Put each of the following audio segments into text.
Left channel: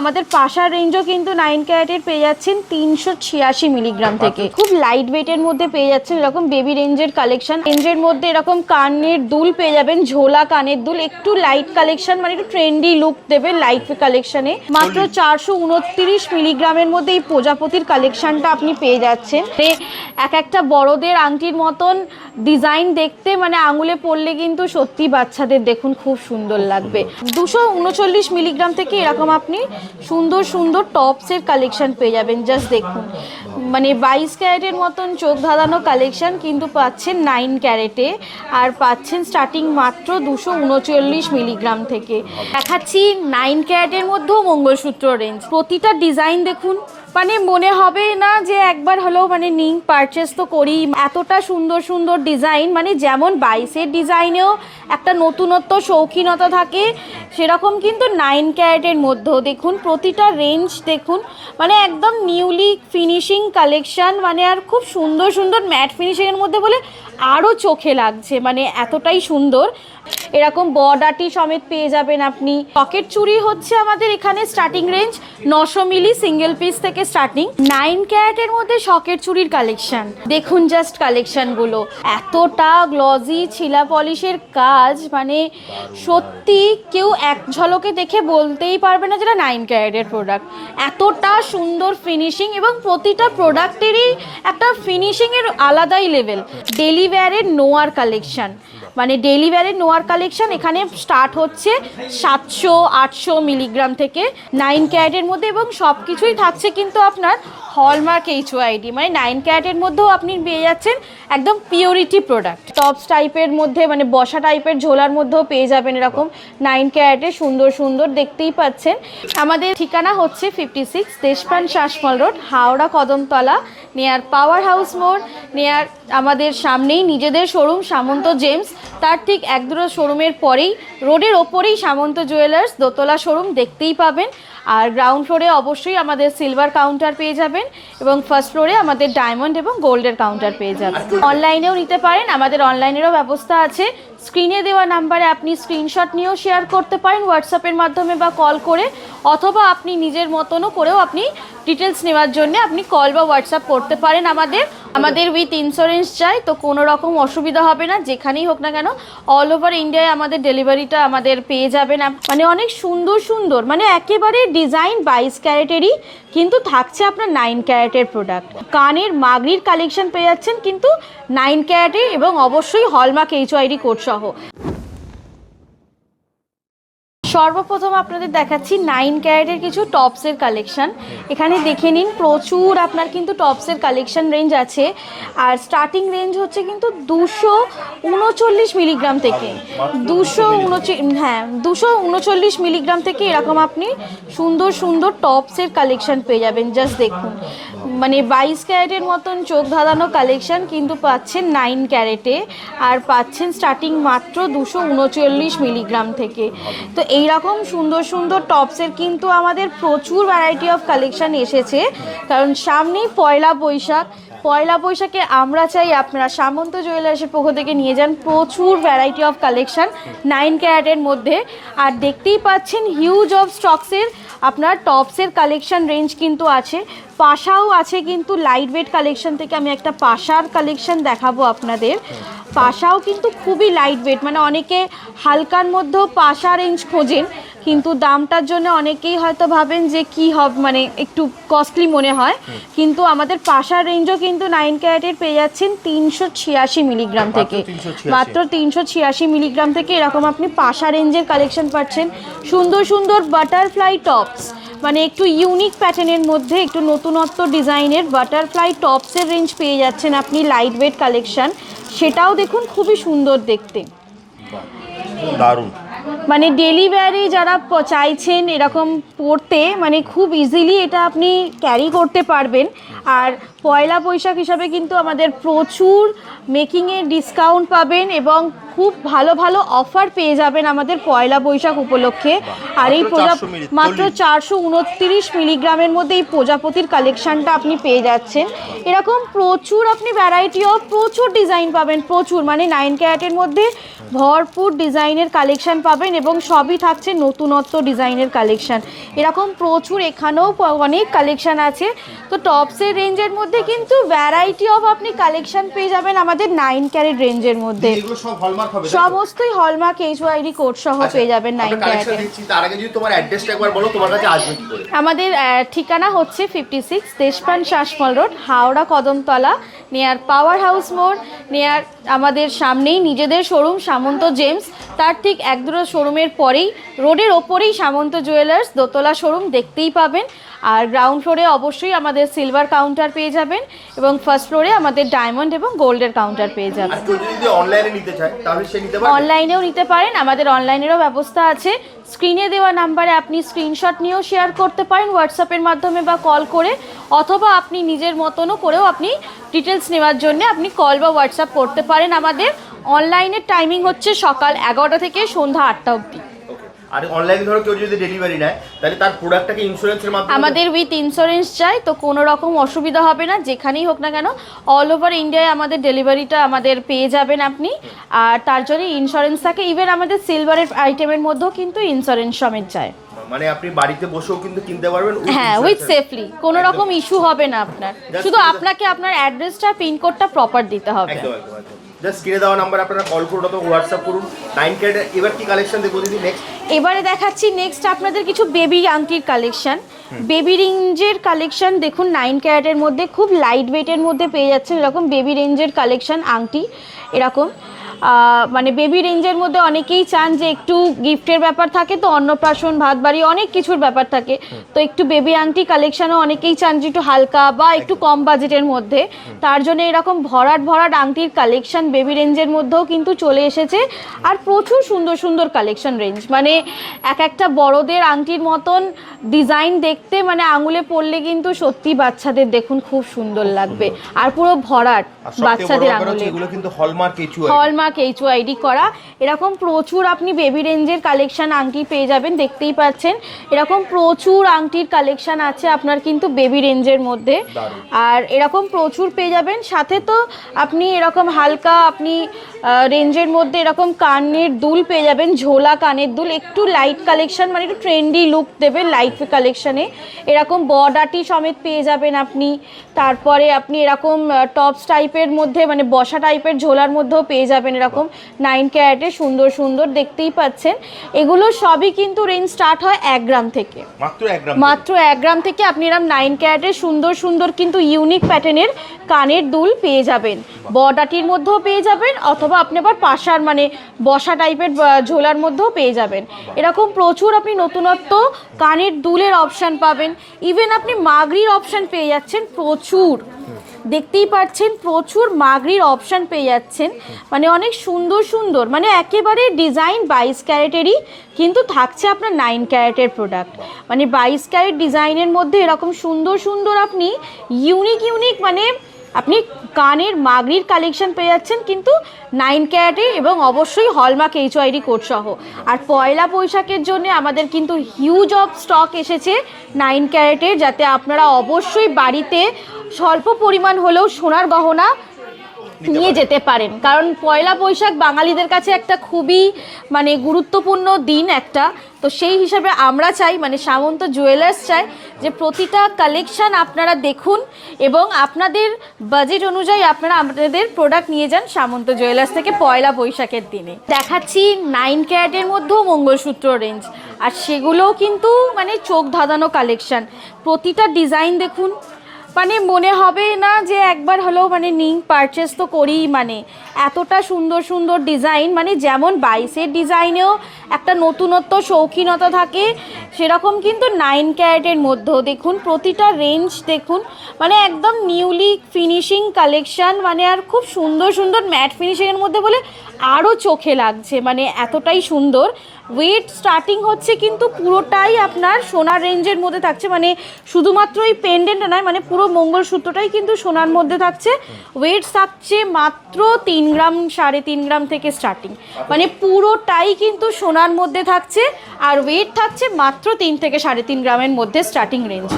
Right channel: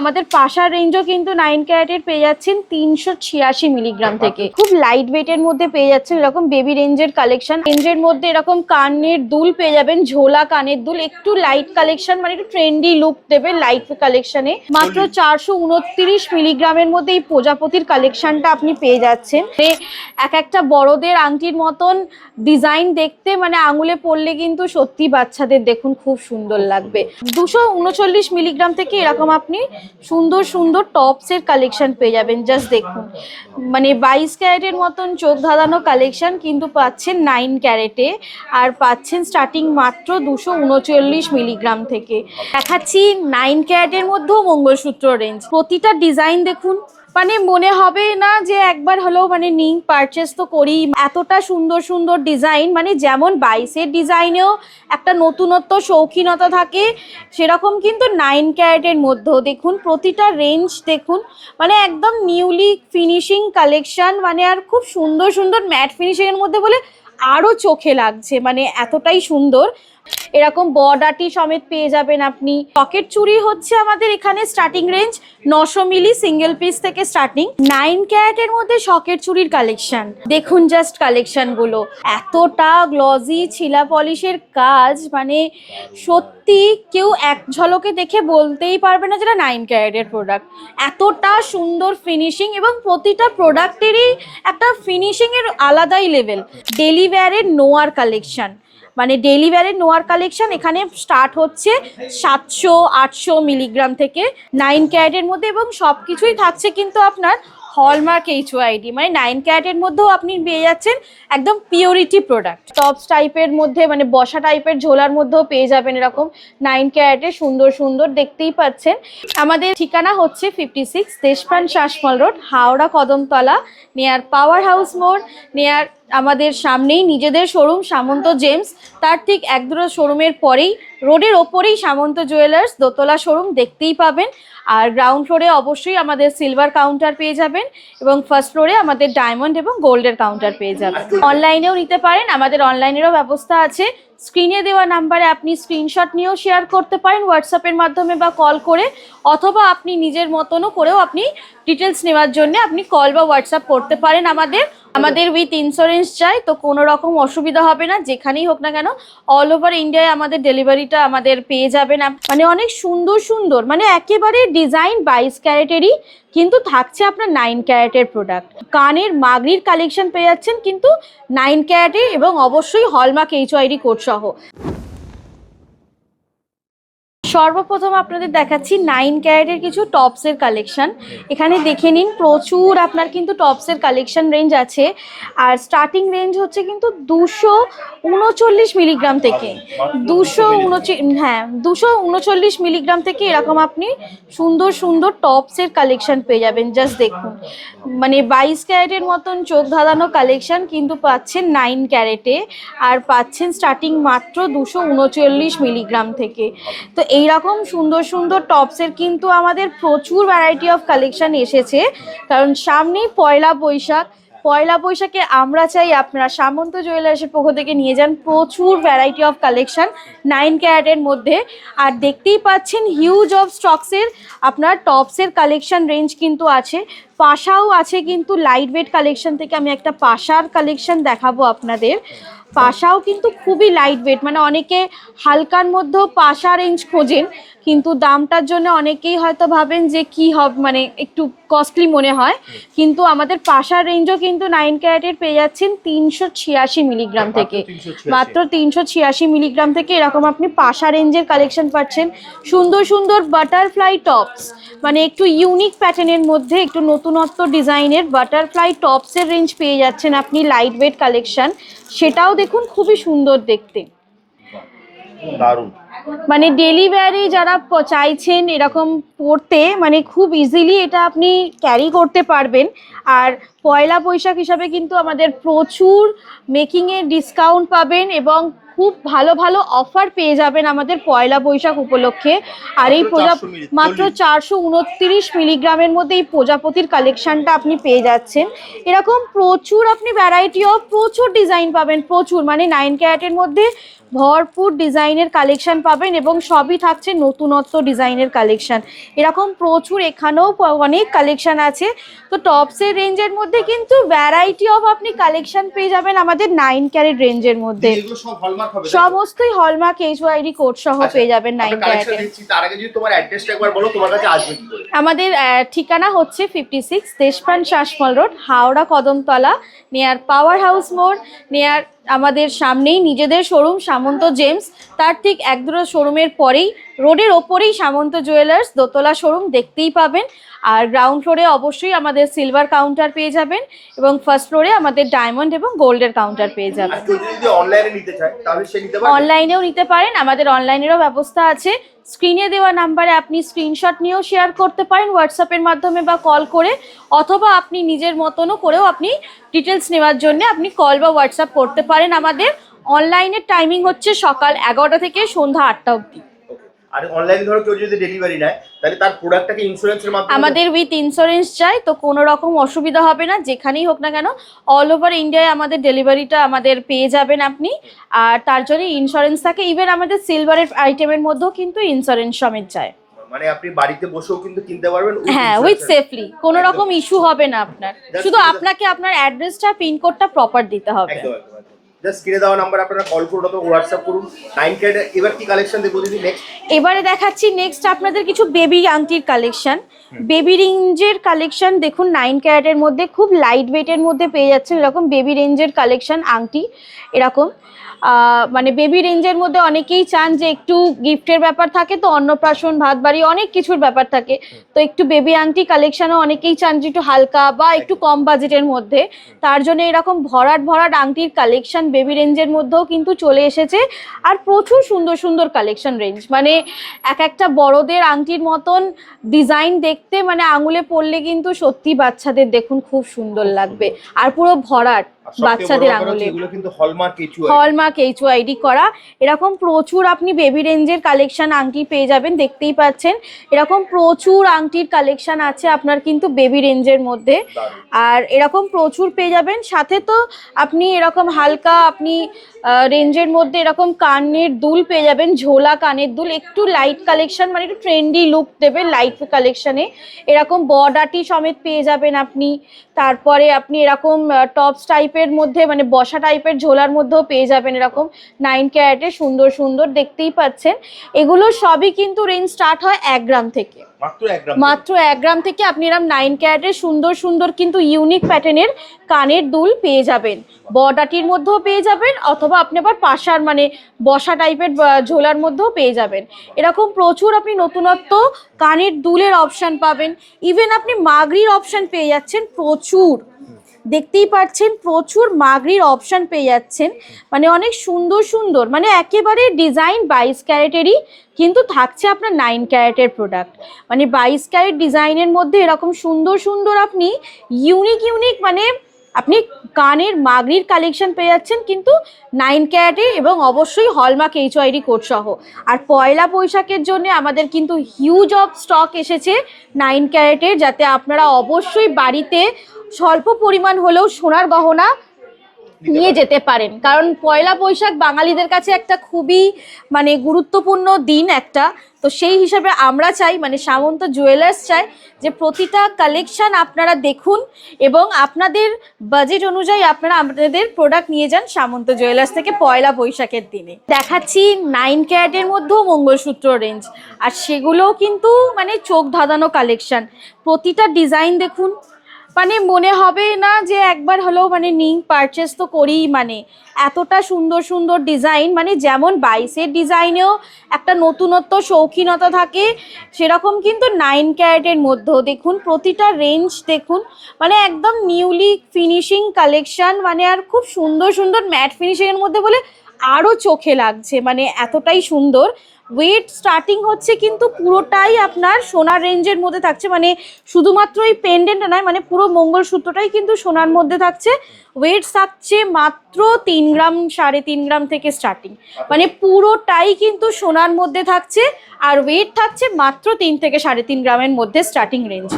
আমাদের পাশার রেঞ্জও কিন্তু 9 ক্যারেটের পেয়ে যাচ্ছেন 386 মিলিগ্রাম থেকে। খুব লাইট ওয়েটের মধ্যে পেয়ে যাচ্ছেন এরকম বেবি রেঞ্জের কালেকশন। রেঞ্জের মধ্যে এরকম কানের দুল পেয়ে যাবেন, ঝোলা কানের দুল, একটু লাইট কালেকশন, মানে একটু ট্রেন্ডি লুক দেবে লাইট কালেকশনে। মাত্র 429 মিলিগ্রামের মধ্যে এই প্রজাপতির কালেকশনটা আপনি পেয়ে যাচ্ছেন। এক একটা বড়দের আংটির মতন ডিজাইন দেখতে, মানে আঙুলে পরলে কিন্তু সত্যি বাচ্চাদের দেখুন খুব সুন্দর লাগবে। 239 মিলিগ্রাম থেকে এরকম আপনি সুন্দর সুন্দর টপসের কালেকশন পেয়ে যাবেন। জাস্ট দেখুন, মানে 22 ক্যারেটের মতন চোখ ধাঁধানো কালেকশন কিন্তু পাচ্ছেন 9 ক্যারেটে, আর পাচ্ছেন স্টার্টিং মাত্র 239 মিলিগ্রাম থেকে। দেখাচ্ছি 9 ক্যারেটের মধ্যেও মঙ্গলসূত্র রেঞ্জ। প্রতিটা ডিজাইন দেখুন, মানে মনে হবে না যে একবার হলেও মানে নিই, পারচেস তো করি। এতটা সুন্দর সুন্দর ডিজাইন, মানে যেমন 22-এর ডিজাইনেও একটা নতুনত্ব শৌখিনতা থাকে, সেরকম কিন্তু 9 ক্যারেটের মধ্যেও দেখুন প্রতিটা রেঞ্জ দেখুন, মানে একদম নিউলি ফিনিশিং কালেকশন, মানে আর খুব সুন্দর সুন্দর ম্যাট ফিনিশিংয়ের মধ্যে বলে আরও চোখে লাগছে, মানে এতটাই সুন্দর। এরকম বর্ডারটি সমেত পেয়ে যাবেন আপনি। পকেট চুড়ি হচ্ছে আমাদের এখানে স্টার্টিং রেঞ্জ 900 মিলি সিঙ্গেল পিস থেকে স্টার্টিং। 9 ক্যারেটের মধ্যে শকেট চুড়ির কালেকশন দেখুন, জাস্ট কালেকশনগুলো এতটা গ্লজি ছিলা পলিশের কাজ, মানে সত্যি কেউ এক ঝলকে দেখে বলতেই পারবে না যেটা 9 ক্যারেটের প্রোডাক্ট। এতটা সুন্দর ফিনিশিং, এবং প্রতিটা প্রোডাক্টেরই একটা ফিনিশিংয়ের আলাদাই লেভেল। ডেলি ওয়্যারের নোয়ার কালেকশন, মানে ডেলি ওয়্যারের নোয়ার কালেকশন এখানে স্টার্ট হচ্ছে 700-800 মিলিগ্রাম থেকে 9 ক্যারেটের মধ্যে, এবং সব কিছুই থাকছে কিন্তু আপনার হলমার্ক HYD, মানে 9 ক্যারেটের মধ্যেও আপনি পেয়ে যাচ্ছেন একদম পিওরিটি প্রোডাক্ট। টপস টাইপের মধ্যে, মানে বসা টাইপের ঝোলার মধ্যেও পেয়ে যাবেন এরকম 9 ক্যারেটের সুন্দর সুন্দর, দেখতেই পাচ্ছেন। আমাদের ঠিকানা হচ্ছে 56 Deshpran Sasmal road, Howrah Kadamtala, near power house মোড়, নিয়ার আমাদের সামনেই নিজেদের শোরুম সামন্ত জেমস, তার ঠিক এক দুটো শোরুমের পরেই রোডের ওপরেই সামন্ত জুয়েলার্স দোতলা শোরুম দেখতেই পাবেন। আর গ্রাউন্ড ফ্লোরে অবশ্যই আমাদের সিলভার কাউন্টার পেয়ে যাবেন, এবং ফার্স্ট ফ্লোরে আমাদের ডায়মন্ড এবং গোল্ডের কাউন্টার পেয়ে যাবেন। অনলাইনেও নিতে পারেন, আমাদের অনলাইনেরও ব্যবস্থা আছে। স্ক্রিনে দেওয়া নাম্বারে আপনি স্ক্রিনশট নিয়েও শেয়ার করতে পারেন হোয়াটসঅ্যাপের মাধ্যমে বা কল করে, অথবা আপনি নিজের মতনও করেও আপনি ডিটেলস নেওয়ার জন্য আপনি কল বা হোয়াটসঅ্যাপ করতে পারেন। আমাদের উইথ ইন্স্যুরেন্স চাই, তো কোনো রকম অসুবিধা হবে না, যেখানেই হোক না কেন অল ওভার ইন্ডিয়ায় আমাদের ডেলিভারিটা আমাদের পেয়ে যাবেন। মানে অনেক সুন্দর সুন্দর, মানে একেবারে ডিজাইন 22 ক্যারেটেরই, কিন্তু থাকছে আপনার 9 ক্যারেটের প্রোডাক্ট। কানের মাগরির কালেকশন পেয়ে যাচ্ছেন কিন্তু 9 ক্যারেটের, এবং অবশ্যই হলমার্ক HYD কোড সহ। সর্বপ্রথম আপনাদের দেখাচ্ছি 9 ক্যারেটের কিছু টপসের কালেকশন। এখানে দেখে নিন, প্রচুর আপনার কিন্তু টপসের কালেকশন রেঞ্জ আছে, আর স্টার্টিং রেঞ্জ হচ্ছে কিন্তু 239 মিলিগ্রাম থেকে 239 মিলিগ্রাম থেকে এরকম আপনি সুন্দর সুন্দর টপসের কালেকশন পেয়ে যাবেন। জাস্ট দেখুন, মানে 22 ক্যারেটের মতন চোখ ধাঁধানো কালেকশন কিন্তু পাচ্ছেন 9 ক্যারেটে, আর পাচ্ছেন স্টার্টিং মাত্র 239 মিলিগ্রাম থেকে। তো এইরকম সুন্দর সুন্দর টপসের কিন্তু আমাদের প্রচুর ভ্যারাইটি অফ কালেকশন এসেছে, কারণ সামনেই পয়লা বৈশাখে আমরা চাই আপনারা সামন্ত জুয়েলার্সের পক্ষ থেকে নিয়ে যান প্রচুর ভ্যারাইটি অফ কালেকশন 9 ক্যারেটের মধ্যে। আর দেখতেই পাচ্ছেন হিউজ অফ স্টকসের আপনার টপসের কালেকশন রেঞ্জ কিন্তু আছে। পাশাও আছে কিন্তু লাইট ওয়েট কালেকশন থেকে আমি একটা পাশার কালেকশন দেখাবো আপনাদের। পাশাও কিন্তু খুবই লাইট ওয়েট, মানে অনেকে হালকার মধ্যেও পাশা রেঞ্জ খোঁজেন, কিন্তু দামটার জন্য অনেকেই হয়তো ভাবেন যে কি হবে, মানে একটু কস্টলি মনে হয়, কিন্তু আমাদের পাশার রেঞ্জও কিন্তু 9 ক্যারেটের পেয়ে যাচ্ছেন 386 মিলিগ্রাম থেকে, মাত্র 386 মিলিগ্রাম থেকে এরকম আপনি পাশা রেঞ্জের কালেকশন পাচ্ছেন। সুন্দর সুন্দর বাটারফ্লাই টপস, মানে একটু ইউনিক প্যাটার্নের মধ্যে একটু নতুনত্ব ডিজাইনের বাটারফ্লাই টপসের রেঞ্জ পেয়ে যাচ্ছেন আপনি, লাইট ওয়েট কালেকশন, সেটাও দেখুন খুবই সুন্দর দেখতে, দারুণ। মানে ডেলি ওয়্যারে যারা চাইছেন এরকম পরতে, মানে খুব ইজিলি এটা আপনি ক্যারি করতে পারবেন। আর পয়লা বৈশাখ হিসাবে কিন্তু আমাদের প্রচুর মেকিংয়ের ডিসকাউন্ট পাবেন এবং খুব ভালো ভালো অফার পেয়ে যাবেন আমাদের পয়লা বৈশাখ উপলক্ষে। আর এই মাত্র 429 মিলিগ্রামের মধ্যে এই প্রজাপতির কালেকশনটা আপনি পেয়ে যাচ্ছেন। এরকম প্রচুর আপনি ভ্যারাইটি অফ প্রচুর ডিজাইন পাবেন, প্রচুর মানে 9 ক্যারেটের মধ্যে ভরপুর ডিজাইনের কালেকশন পাবেন এবং সবই থাকছে নতুনত্ব ডিজাইনের কালেকশন। এরকম প্রচুর এখানেও অনেক কালেকশন আছে। তো টপসের রেঞ্জের মধ্যে কিন্তু ভ্যারাইটি অফ আপনি কালেকশন পেয়ে যাবেন আমাদের 9 ক্যারেট রেঞ্জের মধ্যে। সমস্তই হলমার্ক এইচওআইডি কোড সহ পেয়ে যাবেন 9 ক্যারেটে। তার আগে যদি তোমার অ্যাড্রেসটা একবার বলো, তোমার কাছে আসবে কি করে? আমাদের ঠিকানা হচ্ছে 56 Deshpran Sasmal road, Howrah Kadamtala, near power house মোড়, নিয়ার আমাদের সামনেই নিজেদের শোরুম সামন্ত জেমস, তার ঠিক এক দুটো শোরুমের পরেই রোডের ওপরেই সামন্ত জুয়েলার্স দোতলা শোরুম দেখতেই পাবেন। আর গ্রাউন্ড ফ্লোরে অবশ্যই আমাদের সিলভার কাউন্টার পেয়ে যাবেন এবং ফার্স্ট ফ্লোরে আমাদের ডায়মন্ড এবং গোল্ডের কাউন্টার পেয়ে যাবেন। কেউ যদি অনলাইনে নিতে চায় তাহলে সে নিতে পারে? অনলাইনেও নিতে পারেন, আমাদের অনলাইনেরও ব্যবস্থা আছে। স্ক্রিনে দেওয়া নাম্বারে আপনি স্ক্রিনশট নিয়েও শেয়ার করতে পারেন হোয়াটসঅ্যাপের মাধ্যমে বা কল করে, অথবা আপনি নিজের মতনও করেও আপনি ডিটেলস নেওয়ার জন্য আপনি কল বা হোয়াটসঅ্যাপ করতে পারেন। আমাদের অনলাইনের টাইমিং হচ্ছে সকাল 11টা থেকে সন্ধ্যা 8টা অবধি। আর অনলাইনে ধরো কেউ যদি ডেলিভারি নেয় তাহলে তার প্রোডাক্টটাকে ইন্স্যুরেন্সের মাধ্যমে? আমাদের উইথ ইন্স্যুরেন্স চাই, তো কোনো রকম অসুবিধা হবে না, যেখানেই হোক না কেন অল ওভার ইন্ডিয়ায় আমাদের ডেলিভারিটা আমাদের পেয়ে যাবেন আপনি। আর তার জন্য ইন্স্যুরেন্স থাকে, ইভেন আমাদের সিলভারের আইটেমের মধ্যেও কিন্তু ইন্স্যুরেন্স সমেত চায়। মানে আপনি বাড়িতে বসেও কিন্তু কিনতে পারবেন? হ্যাঁ, উইথ সেফলি, কোনো রকম ইস্যু হবে না আপনার। শুধু আপনাকে আপনার অ্যাড্রেসটা পিনকোডটা প্রপার দিতে হবে। জাস্ট স্ক্রিনে দেওয়া নাম্বার আপনারা কল করুন অথবা হোয়াটসঅ্যাপ করুন। 9 ক্যারেট এবার কি কালেকশন দেখবো দিদি নেক্সট? এবারে দেখাচ্ছি নেক্সট আপনাদের কিছু বেবি আংটির কালেকশন, বেবি রেঞ্জের কালেকশন। দেখুন 9 ক্যারেটের মধ্যে খুব লাইট ওয়েটের মধ্যে পেয়ে যাচ্ছেন এরকম বেবি রেঞ্জের কালেকশন আংটি। এরকম মানে বেবি রেঞ্জের মধ্যে অনেকেই চান যে একটু গিফটের ব্যাপার থাকে, তো অন্নপ্রাশন ভাত বাড়ি অনেক কিছুর ব্যাপার থাকে, তো একটু বেবি আংটি কালেকশনও অনেকেই চান যে একটু হালকা বা একটু কম বাজেটের মধ্যে। তার জন্য এরকম ভরাট ভরাট আংটির কালেকশন বেবি রেঞ্জের মধ্যেও কিন্তু চলে এসেছে। আর প্রচুর সুন্দর সুন্দর কালেকশন রেঞ্জ, মানে এক একটা বড়দের আংটির মতন ডিজাইন দেখতে, মানে আঙুলে পড়লে কিন্তু সত্যি বাচ্চাদের দেখুন খুব সুন্দর লাগবে। আর পুরো ভরাট বাচ্চাদের আঙুলে, এগুলো কিন্তু হলমার্ক এইচওআইডি করা। এরকম প্রচুর আপনি বেবি রেঞ্জের কালেকশন আংটি পেয়ে যাবেন, দেখতেই পাচ্ছেন এরকম প্রচুর আংটির কালেকশন আছে আপনার কিন্তু বেবি রেঞ্জের মধ্যে। আর এরকম প্রচুর পেয়ে যাবেন, সাথে তো আপনি এরকম হালকা আপনি রেঞ্জের মধ্যে এরকম কানের দুল পেয়ে যাবেন, ঝোলা কানের দুল, একটু লাইট কালেকশন, মানে একটু ট্রেন্ডি লুক দেবে লাইট কালেকশনে। এরকম বর্ডারটি সমেত পেয়ে যাবেন আপনি। তারপরে আপনি এরকম টপস টাইপের মধ্যে মানে বসা টাইপের ঝোলার মধ্যেও পেয়ে যাবেন এরকম 9 ক্যারেটে সুন্দর সুন্দর, দেখতেই পাচ্ছেন। এগুলো সবই কিন্তু রেঞ্জ স্টার্ট হয় 1 গ্রাম থেকে, মাত্র 1 গ্রাম থেকে আপনি এরকম 9 ক্যারেটের সুন্দর সুন্দর কিন্তু ইউনিক প্যাটার্নের কানের দুল পেয়ে যাবেন, বর্ডারটির মধ্যেও পেয়ে যাবেন, অথবা আপনি আবার পাশার মানে বসা টাইপের ঝোলার মধ্যেও পেয়ে যাবেন। এরকম প্রচুর আপনি নতুনত্ব কানের দুলের অপশান পাবেন, ইভেন আপনি মাগরির অপশান পেয়ে যাচ্ছেন প্রচুর, দেখতেই পাচ্ছেন প্রচুর মাগরির অপশান পেয়ে যাচ্ছেন, মানে অনেক সুন্দর সুন্দর, মানে একেবারে ডিজাইন 22 ক্যারেটেরই কিন্তু থাকছে আপনার 9 ক্যারেটের প্রোডাক্ট। মানে 22 ক্যারেট ডিজাইনের মধ্যে এরকম সুন্দর সুন্দর আপনি ইউনিক মানে আপনি কানের মাগরির কালেকশন পেয়ে যাচ্ছেন কিন্তু 9 ক্যারেটে এবং অবশ্যই হলমার্ক এইচওআইডি কোড সহ। আর পয়লা বৈশাখের জন্য আমাদের কিন্তু হিউজ অফ স্টক এসেছে 9 ক্যারেটের, যাতে আপনারা অবশ্যই বাড়িতে স্বল্প পরিমাণ হলেও সোনার গহনা নিয়ে যেতে পারেন। কারণ পয়লা বৈশাখ বাঙালিদের কাছে একটা খুবই মানে গুরুত্বপূর্ণ দিন একটা, তো সেই হিসাবে আমরা চাই মানে সামন্ত জুয়েলার্স চাই যে প্রতিটা কালেকশন আপনারা দেখুন এবং আপনাদের বাজেট অনুযায়ী আপনারা আপনাদের প্রোডাক্ট নিয়ে যান সামন্ত জুয়েলার্স থেকে পয়লা বৈশাখের দিনে। দেখাচ্ছি 9 ক্যারেটের মধ্যেও মঙ্গলসূত্র রেঞ্জ, আর সেগুলোও কিন্তু মানে চোখ ধাঁধানো কালেকশন। প্রতিটা ডিজাইন দেখুন, মানে মনে হবে না যে একবার হলেও মানে নিই, পারচেস তো করি, মানে এতটা সুন্দর সুন্দর ডিজাইন, মানে যেমন 22-এর ডিজাইনেও একটা নতুনত্ব শৌখিনতা থাকে, সেরকম কিন্তু 9 ক্যারেটের মধ্যেও দেখুন প্রতিটা রেঞ্জ দেখুন, মানে একদম নিউলি ফিনিশিং কালেকশান, মানে আর খুব সুন্দর সুন্দর ম্যাট ফিনিশিংয়ের মধ্যে বলে আরও চোখে লাগছে, মানে এতটাই সুন্দর। ওয়েট স্টার্টিং হচ্ছে কিন্তু পুরোটাই আপনার সোনার রেঞ্জের মধ্যে থাকছে, মানে শুধুমাত্র এই পেন্ডেন্ট নয়, মানে পুরো মঙ্গলসূত্রটাই কিন্তু সোনার মধ্যে থাকছে। ওয়েট থাকছে মাত্র 3 গ্রাম 3.5 গ্রাম থেকে স্টার্টিং, মানে পুরোটাই কিন্তু সোনার মধ্যে থাকছে। আর ওয়েট থাকছে মাত্র 3 থেকে 3.5 গ্রামের মধ্যে স্টার্টিং রেঞ্জ।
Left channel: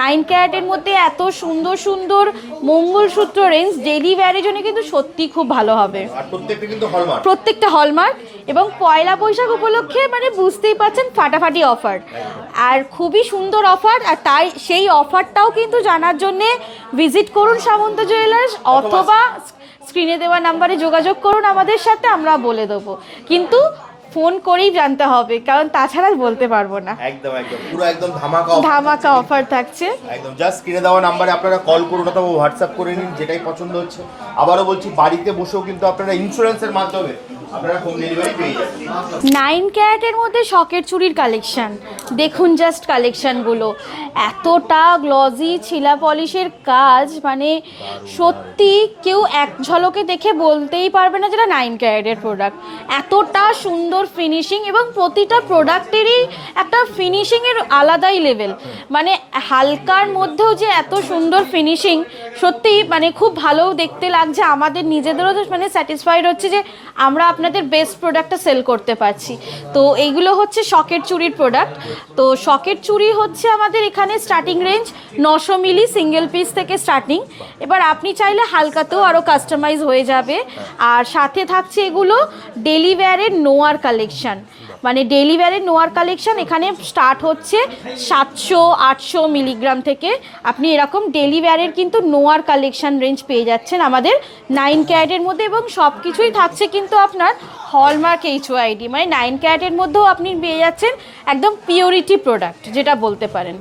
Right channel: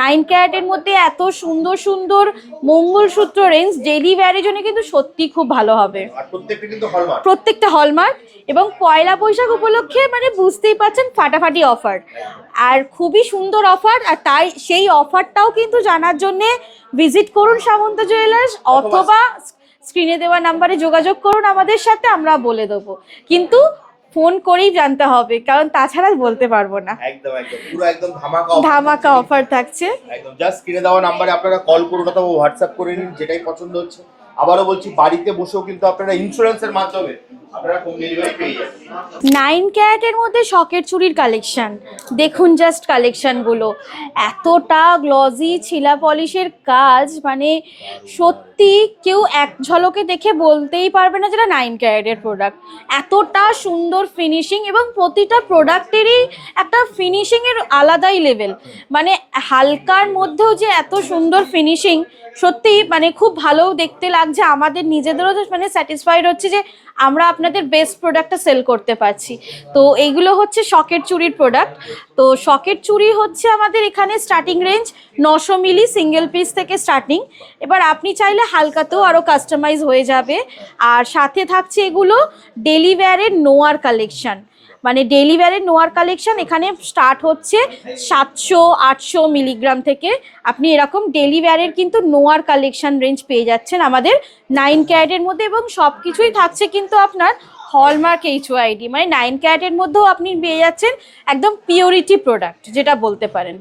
9 ক্যারেটের মধ্যে এত সুন্দর সুন্দর মঙ্গলসূত্র রেঞ্জ ডেইলি ওয়্যারের জন্য কিন্তু সত্যি খুব ভালো হবে। আর প্রত্যেকটা কিন্তু হলমার্ক। প্রত্যেকটা হলমার্ক, এবং পয়লা বৈশাখ উপলক্ষে মানে বুঝতেই পারছেন ফাটাফাটি অফার, আর খুবই সুন্দর অফার। আর তাই সেই অফারটাও কিন্তু জানার জন্যে ভিজিট করুন সামন্ত জুয়েলার্স, অথবা স্ক্রিনে দেওয়া নাম্বারে যোগাযোগ করুন আমাদের সাথে, আমরা বলে দেবো। কিন্তু ফোন করেই জানতে হবে, কারণ তাছাড়া বলতে পারবো না। একদম একদম পুরো একদম ধামাকা offer ধামাকা থাকছে। অফার থাকছে। একদম জাস্ট স্ক্রিনে দেওয়া নাম্বারে আপনারা কল করুন অথবা হোয়াটসঅ্যাপ করে নিন, যেটাই পছন্দ হচ্ছে। আবারও বলছি, বাড়িতে বসেও কিন্তু আপনারা ইন্স্যুরেন্সের মাধ্যমে আপনারা হোম ডেলিভারি পেয়ে যাবেন। 9 ক্যারেটের মধ্যে শকের চুড়ির কালেকশন দেখুন, জাস্ট কালেকশনগুলো এতটা গ্লজি, ছিলা পলিশের কাজ, মানে সত্যি কেউ এক ঝলকে দেখে বলতেই পারবে না যেটা 9 ক্যারেটের প্রোডাক্ট। এতটা সুন্দর ফিনিশিং, এবং প্রতিটা প্রোডাক্টেরই একটা ফিনিশিংয়ের আলাদাই লেভেল, মানে হালকার মধ্যেও যে এত সুন্দর ফিনিশিং, সত্যি মানে খুব ভালো দেখতে লাগছে। আমাদের নিজেদেরও মানে স্যাটিসফাইড হচ্ছে যে আমরা আপনাদের বেস্ট প্রোডাক্টটা সেল করতে পারছি। তো এইগুলো হচ্ছে শকের চুড়ির প্রোডাক্ট। তো শকের চুড়ি হচ্ছে আমাদের এখানে স্টার্টিং রেঞ্জ 900 মিলি সিঙ্গেল পিস থেকে স্টার্টিং। এবার আপনি চাইলে হালকাতেও আরও কাস্টমাইজ হয়ে যাবে। আর সাথে থাকছে এগুলো ডেলি ওয়্যারের নোয়ার কালেকশন, মানে ডেলি ওয়্যারের নোয়ার কালেকশন এখানে স্টার্ট হচ্ছে 700-800 মিলিগ্রাম থেকে। আপনি এরকম ডেলি ওয়্যারের কিন্তু নোয়ার কালেকশন রেঞ্জ পেয়ে যাচ্ছেন আমাদের 9 ক্যারেটের মধ্যে, এবং সব কিছুই থাকছে কিন্তু আপনার হলমার্ক HYD, মানে 9 ক্যারেটের মধ্যেও আপনি পেয়ে যাচ্ছেন একদম পিওরিটি প্রোডাক্ট যেটা বলতে পারেন।